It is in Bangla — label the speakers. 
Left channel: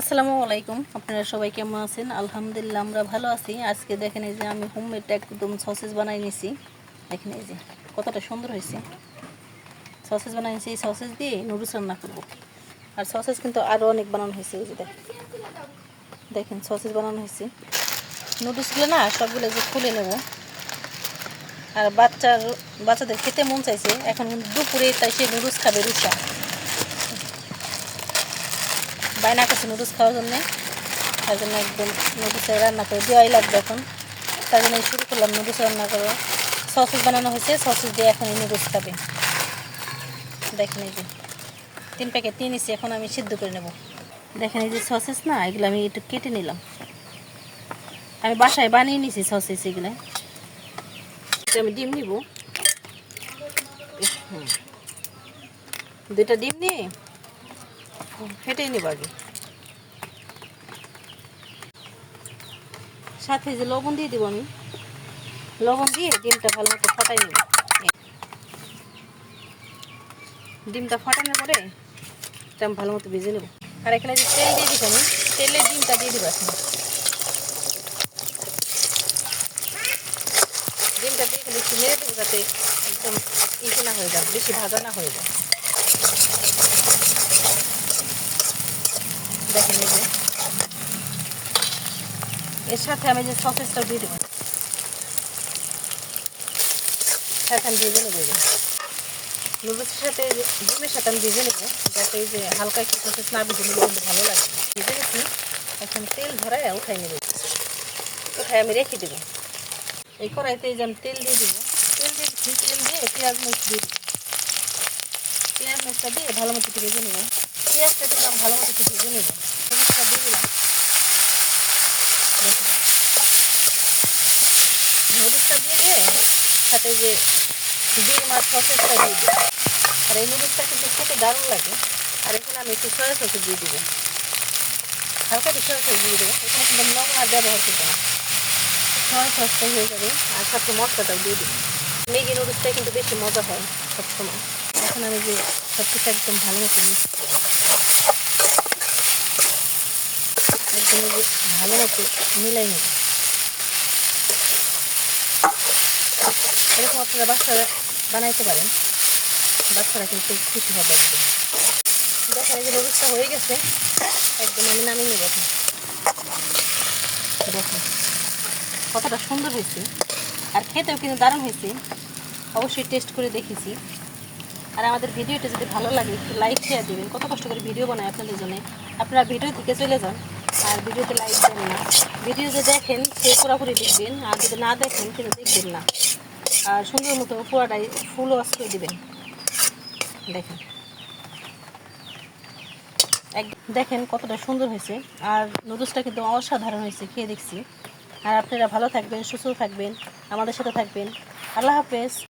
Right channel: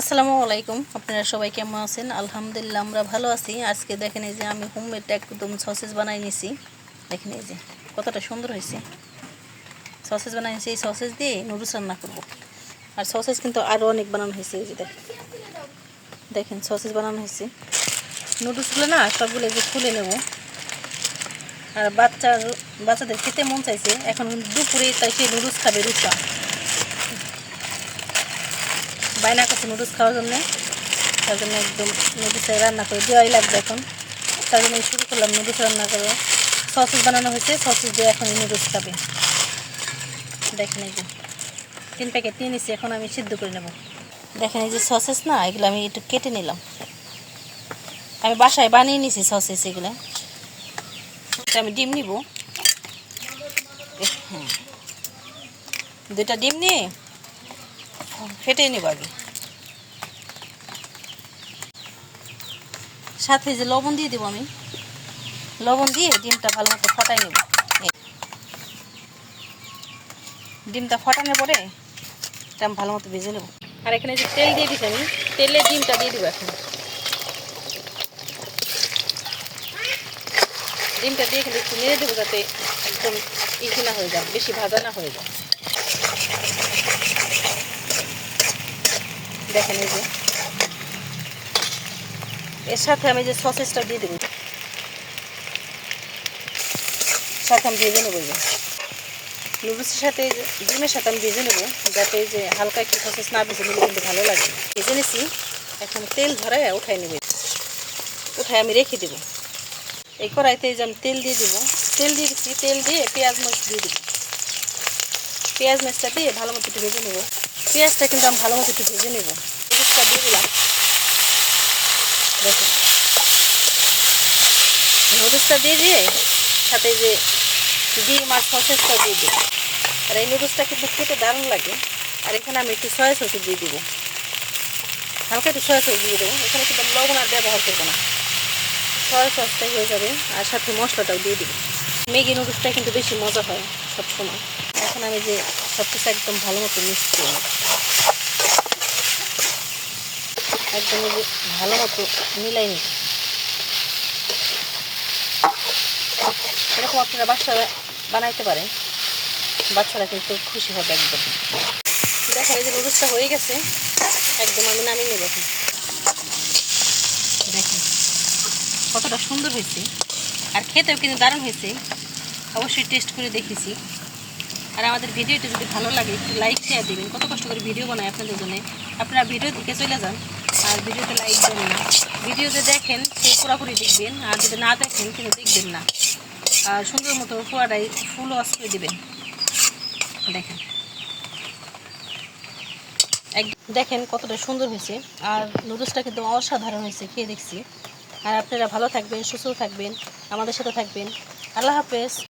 Speaker 1: আসসালামু আলাইকুম। আপনারা সবাই কেমন আছেন? আলহামদুলিল্লাহ, আমরা ভালো আছি। আজকে দেখেন এই যে আমি হোমমেড একদম সসেজ বানাই নিছি। দেখেন এই যে, কতটা সুন্দর হয়েছে। সসেজ বানাই নিছি, এই সসেজ দিয়ে নুডলস রান্না করব। আর সসেজ কিন্তু আরও অনেক বানানো হয়েছে, এই যে দেখেন। দেখেন সসেজ বানানো হয়েছে। নুডলসগুলো না, সবগুলো যে খুলে নেব। আর বাচ্চার, বাচ্চাদের খেতে মন চাইছে। এখন দুপুরে তাই সে নুডলস খাবে রুষা বায়না করছে নুডলস খাওয়ার জন্যে। তার জন্য একদম নুডলস রান্না করে দেওয়াই লাগবে এখন। তার জন্য শুরু করলাম নুডলস রান্না করে। সসেস বানানো হয়েছে, সসেস দিয়ে এখন নুডলস খাবে। দেখেন এই যে, তিন প্যাকেট নিয়ে নিচ্ছি এখন আমি সিদ্ধ করে নেব। দেখেন এই যে সসেস না, এগুলো আমি একটু কেটে নিলাম। আমি বাসায় বানিয়ে নিছি সসেস এগুলো। আমি ডিম নিব। দুটা ডিম নিয়ে? ফেটে নেব আগে। সাথে যে লবণ দিয়ে দিব আমি। লবণ দিয়ে ডিমটা ভালো মতো ফাটাই নেব। ডিমটা ফাটানোর পরে এটা ভালো মতো ভেজে নেব। আর এখানে যে তেল দিয়ে দিচ্ছি আমি, তেলে ডিমটা দিয়ে দেবো এখন। ডিমটা দিয়ে কিন্তু একটু নেড়ে দেবো যাতে একদম ইসে না হয়ে যায়, বেশি ভাজা না হয়ে যায়। দেখেন এই যে এর সাথে আমি যে সসেসটা দিয়ে দেবো, সাথে আমি ভেজে নেব নুডলসের সাথে ডিমের সাথে আমি ভেজে নেব, যাতে যে হালকা একটু সসেস না ভেজে নিলে কিন্তু ভালো লাগে। ভেজে নিছি, এখন তেল ধরে উঠাই নেবে। উঠাই আমি রেখে দেবো। এই কড়াইতে এই যে আমি তেল দিয়ে দেবো। তেল দিয়ে তেল দিয়ে পেঁয়াজ মরিচ দিয়ে দেবো। পেঁয়াজ মরিচটা দিয়ে ভালো মতো একটু ভেজে নেব। পেঁয়াজটা কিন্তু আমি ভালো মতো একটু ভেজে নেব। পেঁয়াজটা দিয়ে দিলাম। দেখো। নুডলসটা দিয়ে দিয়ে সাথে যে ডিম আর সসেসটা দিয়ে দিই আর এই নুডলসটা কিন্তু খেতে দারুণ লাগে। আর এখানে আমি একটু সয়া সস দিয়ে দিব। হালকা একটু সয়া সস দিয়ে দেবো। এখানে কিন্তু লবণ আর ব্যবহার করব না। সয়া সসটাই হয়ে যাবে। আর সাথে মশলাটাও দিয়ে দিব। ম্যাগি নুডলসটাই কিন্তু বেশি মজা হয় সবসময়। এখন আমি যে সব কিছু একদম ভালো মতো মিক্স একদম ভালো মতো মিলাই নিব। এরকম আপনারা বাচ্চারা বানাইতে পারেন। বাচ্চারা কিন্তু খুশি হবে একদম। দেখা এই যে নুডলসটা হয়ে গেছে। একদম আমি নামিয়ে নেব এখন। দেখুন কতটা সুন্দর হয়েছে। আর খেতেও কিন্তু দারুণ হয়েছে। অবশ্যই টেস্ট করে দেখেছি আর আমাদের ভিডিওটা যদি ভালো লাগে, একটু লাইক শেয়ার দেবেন। কত কষ্ট করে ভিডিও বানায় আপনাদের জন্য। আপনারা ভিডিও থেকে চলে যান, আর ভিডিওতে লাইক দেবেন না। ভিডিও যে দেখেন, সে পুরোপুরি দেখবেন, আর যদি না দেখেন, কিন্তু দেখবেন না। আর সুন্দর মতো পুরাটাই ফুল ওয়াশ করে দেবেন। দেখেন। দেখেন কতটা সুন্দর হয়েছে, আর নুডলসটা কিন্তু অসাধারণ হয়েছে, খেয়ে দেখছি। আর আপনারা ভালো থাকবেন, সুস্থ থাকবেন, আমাদের সাথে থাকবেন। আল্লাহ হাফেজ।